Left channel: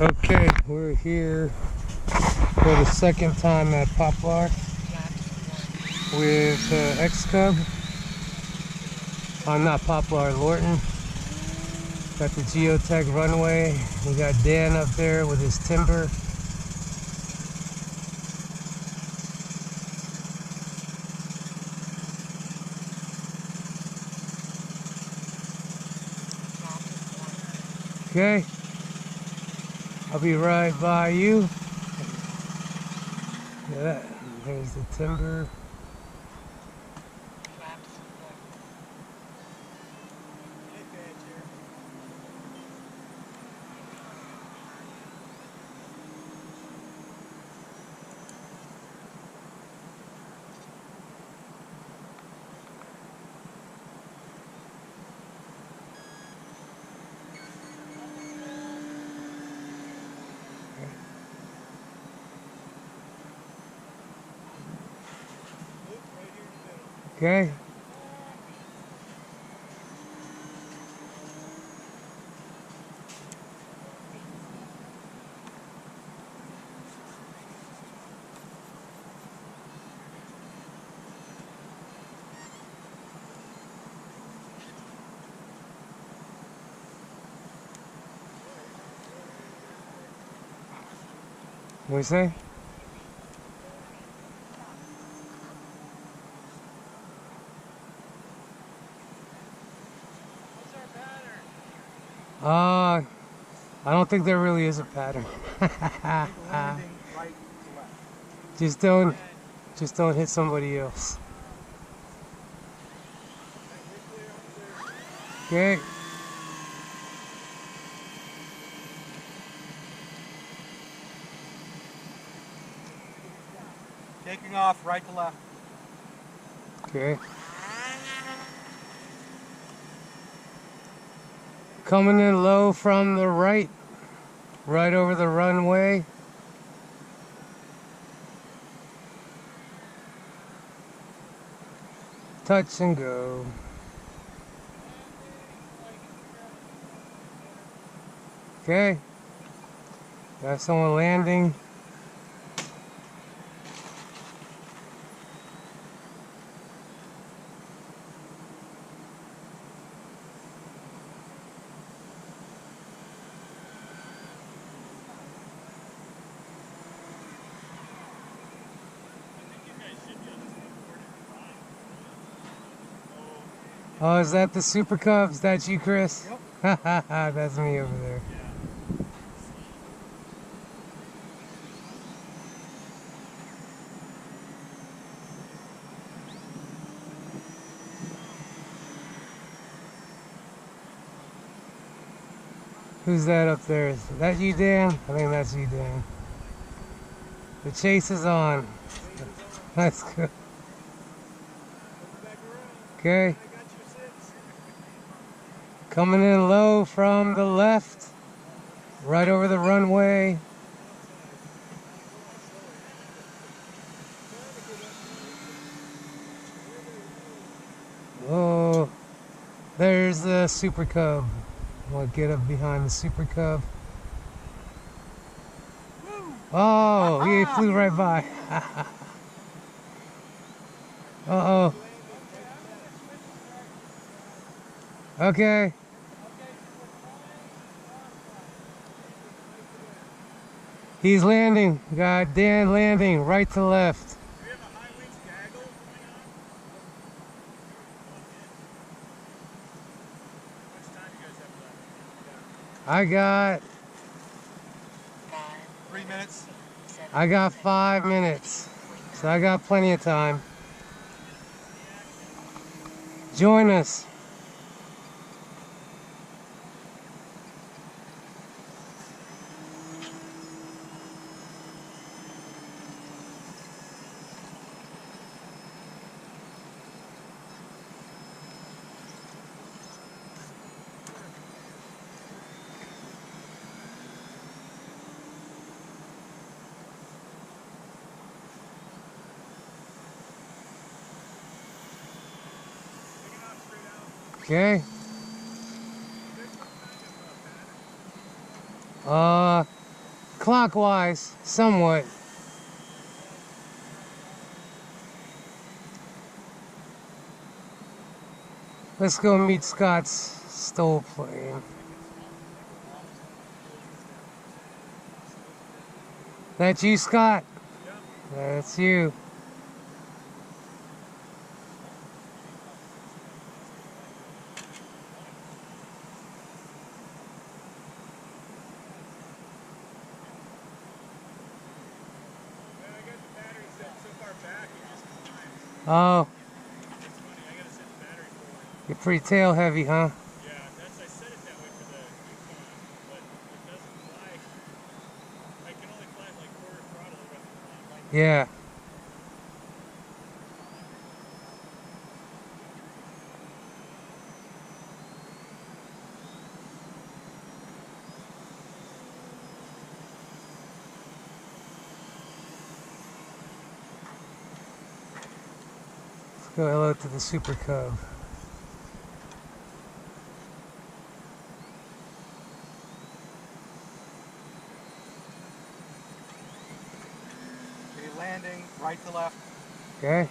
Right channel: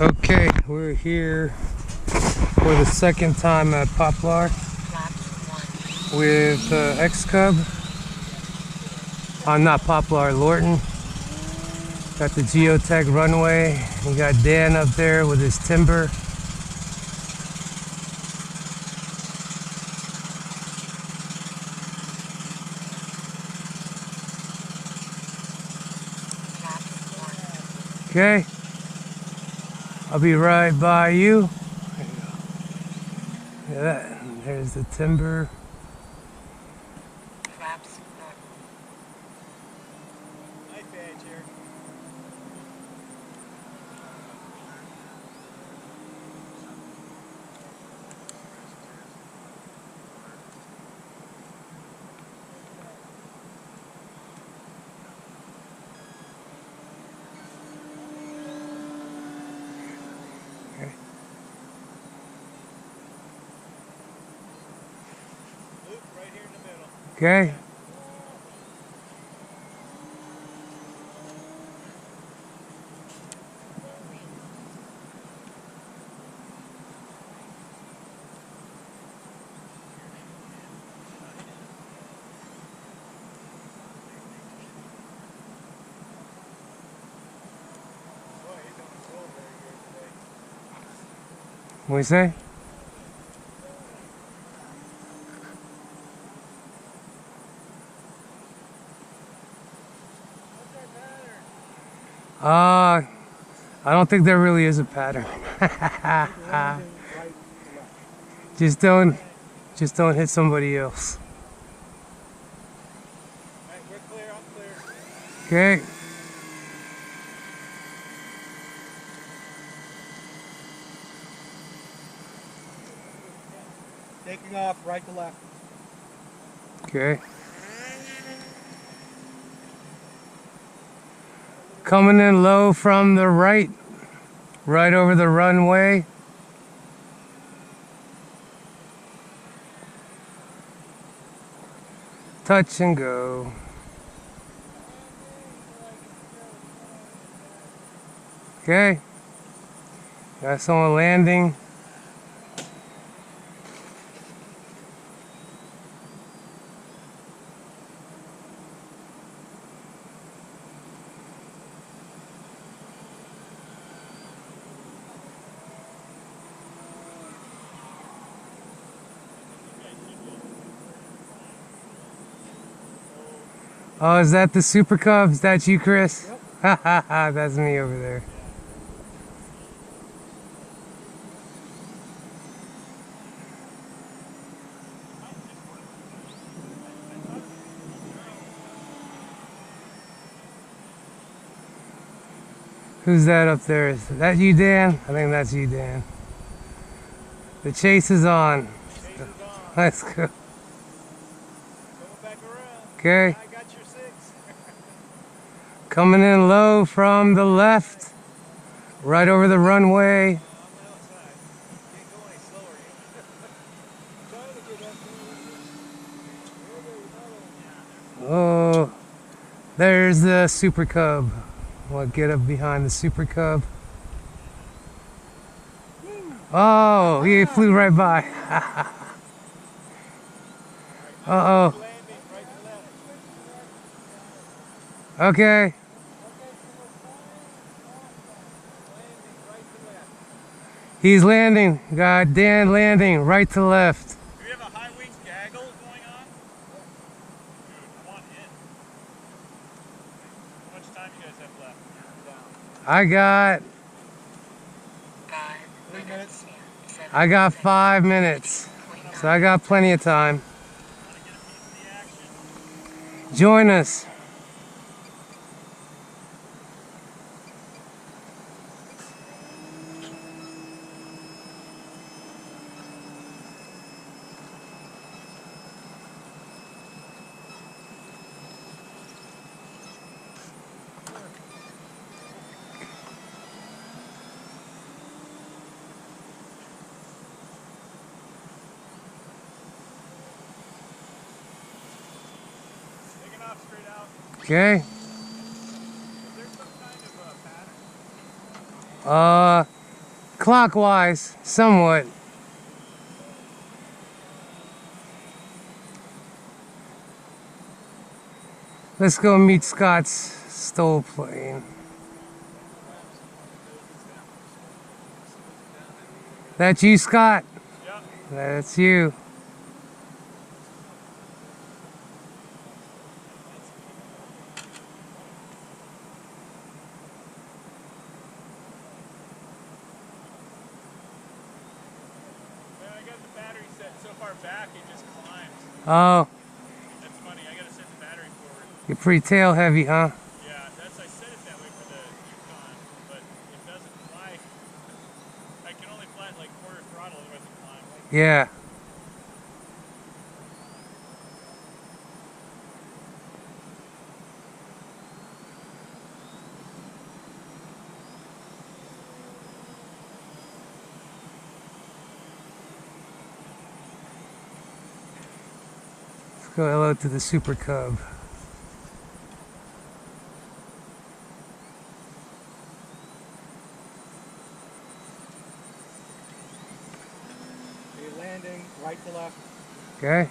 Okay, we're here for the second time at Poplar with XCub. Not Poplar, Lorton. Got the geotech runway. We got Dan up there with his timber. Okay, I'll be right by you. There's the timber. Knife edge here. Loop right here in the middle. Okay. What do you say? I don't think there really is a pattern. Just don't hit somebody else. Alright, we're clear, I'm clear. Okay. Taking off right to left. Okay. Coming in low from the right over the runway. Touch and go. Okay. Got someone landing. Oh, is that the Super Cub? Is that you, Chris? Yep. That's me over there. Who's that up there? Is that you, Dan? I think that's you, Dan. The chase is on. Chase is on. Let's go. Coming back around. Okay. I got your 6. Coming in low from the left, right over the runway. On the outside. Can't go any slower yet. Trying to get up there. Oh, there's the Super Cub. I'll get up behind the Super Cub. Oh, he flew right by. Uh-oh. Okay. He's landing. Got Dan landing right to left. Do you have a high wings gaggle going on? Dude, I want it. How much time you guys have left? Down. I got 3 minutes. I got 5 minutes. So I got plenty of time. Join us. Okay. Is there some kind of pattern? clockwise, somewhat. Let's go meet Scott's STOL plane. That's you, Scott? Yep. That's you. Man, I got the battery set so far back it just climbs. Oh, That's funny. I gotta set the battery forward. you're pretty tail heavy, huh? Yeah, I set it that way for the Yukon, but it doesn't fly. I can only fly at like quarter throttle, otherwise it climbs. Yeah. Let's go hello to the Super Cub. Okay, landing, right to left. Okay.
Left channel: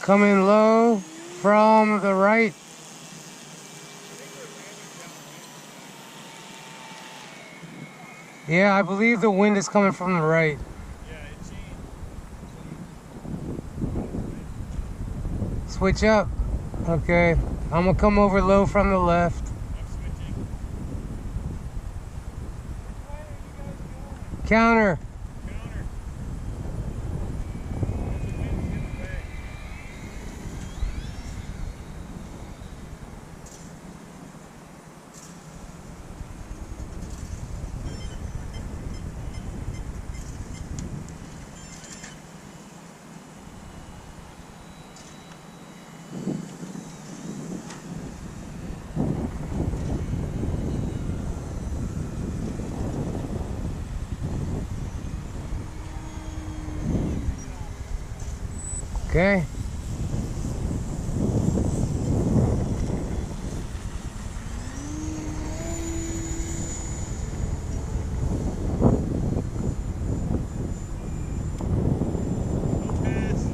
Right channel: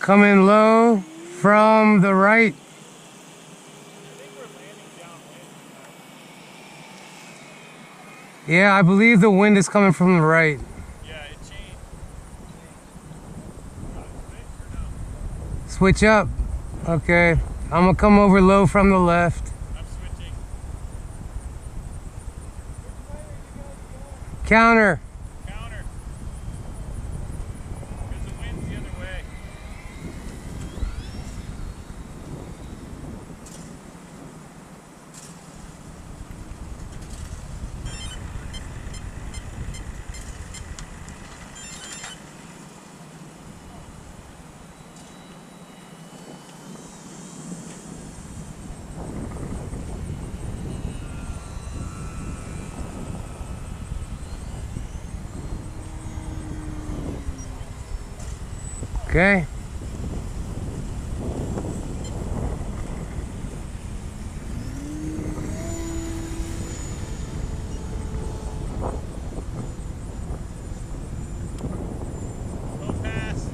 Coming low from the right. I think we're landing downwind. Yeah, I believe the wind is coming from the right. Yeah, it changed. You want to switch or no? Switch up. Okay. I'm gonna come over low from the left. I'm switching. Which way are you guys going? Counter. Counter. Because the wind's the other way. Okay. Slow pass.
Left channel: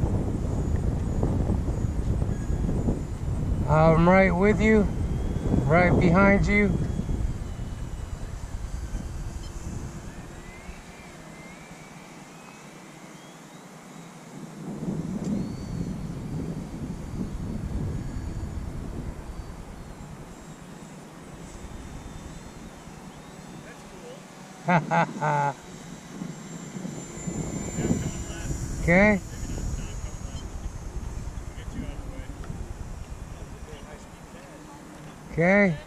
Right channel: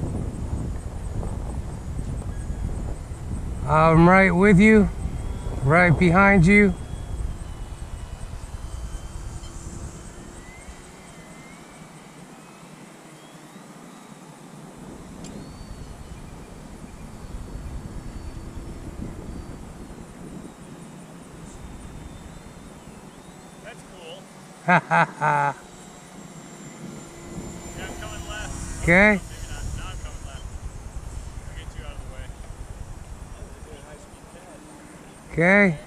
I'm right with you. Right behind you. That's cool. Ha ha ha. Yeah, I'm coming left. Oh, Okay. no, maybe not. Now I'm coming left. I'll get you out of the way. That was a good high-speed pad. Okay.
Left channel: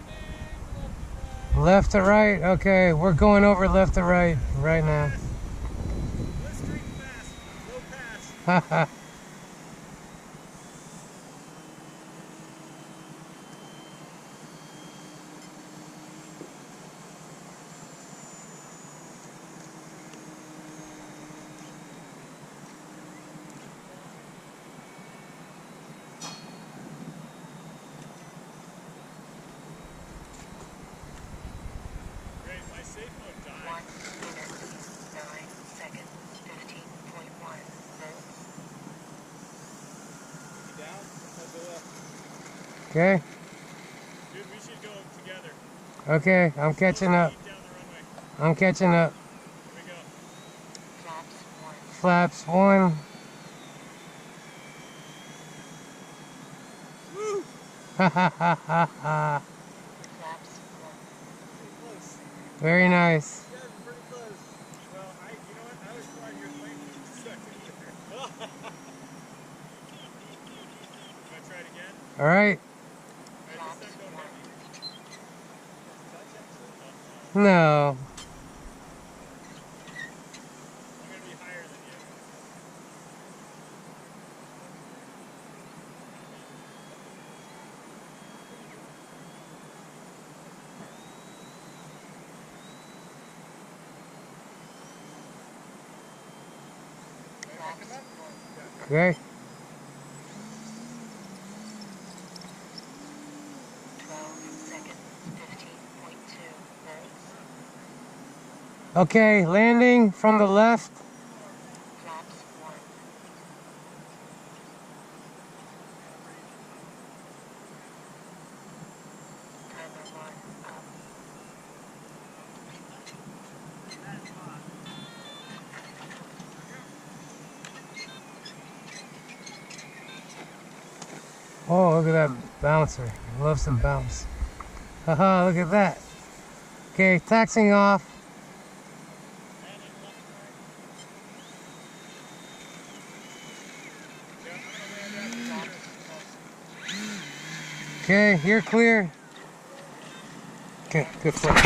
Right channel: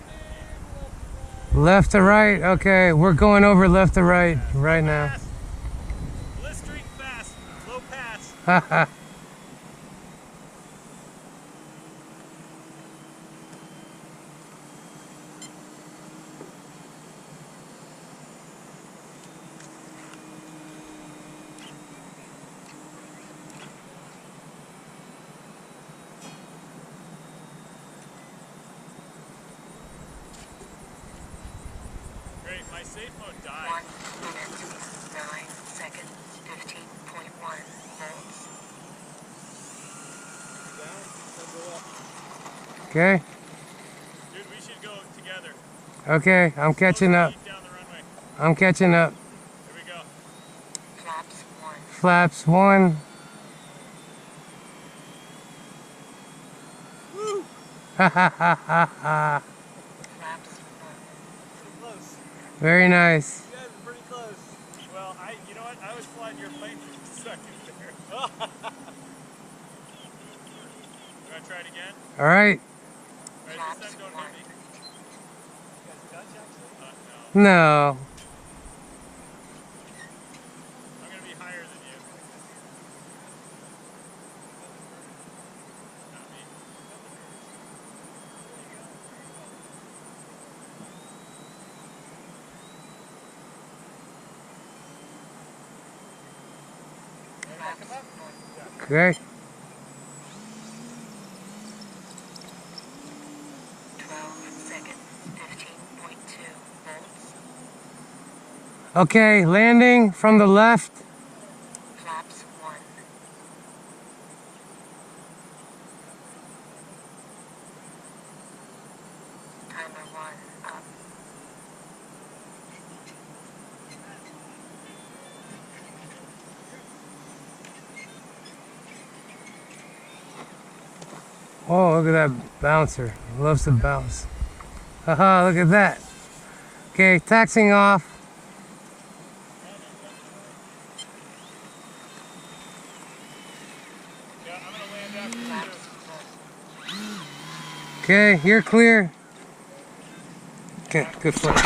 Left to right. Okay, we're going over left to right right now. Fast. Blistering fast. Low pass. Ha ha. Great, my safe mode died. 1 minute, 9 seconds, 15.1 volts. You down? I'll go up. Okay. Dude, we should go together. Okay, I'm catching up. Slow speed down the runway. I'm catching up. Here we go. Flaps 1. Flaps 1. Woo! Ha ha ha ha ha. Flaps 1. Pretty close. Very nice. You guys are pretty close. Well, you know what? I was flying your plane for a second there. You want to try it again? All right. All right, this time don't hit me. touch actually? No. No. I'm going to be higher than you. Not me. Okay. 12 seconds, 15.2 volts. Okay, landing from the left. Flaps 1. Timer 1 up. Oh, look at that bouncer. He loves to bounce. Haha, look at that. Okay, taxiing off. Yeah, I'm going to land after you. Flaps 1. Okay, you're clear. Okay, good flip.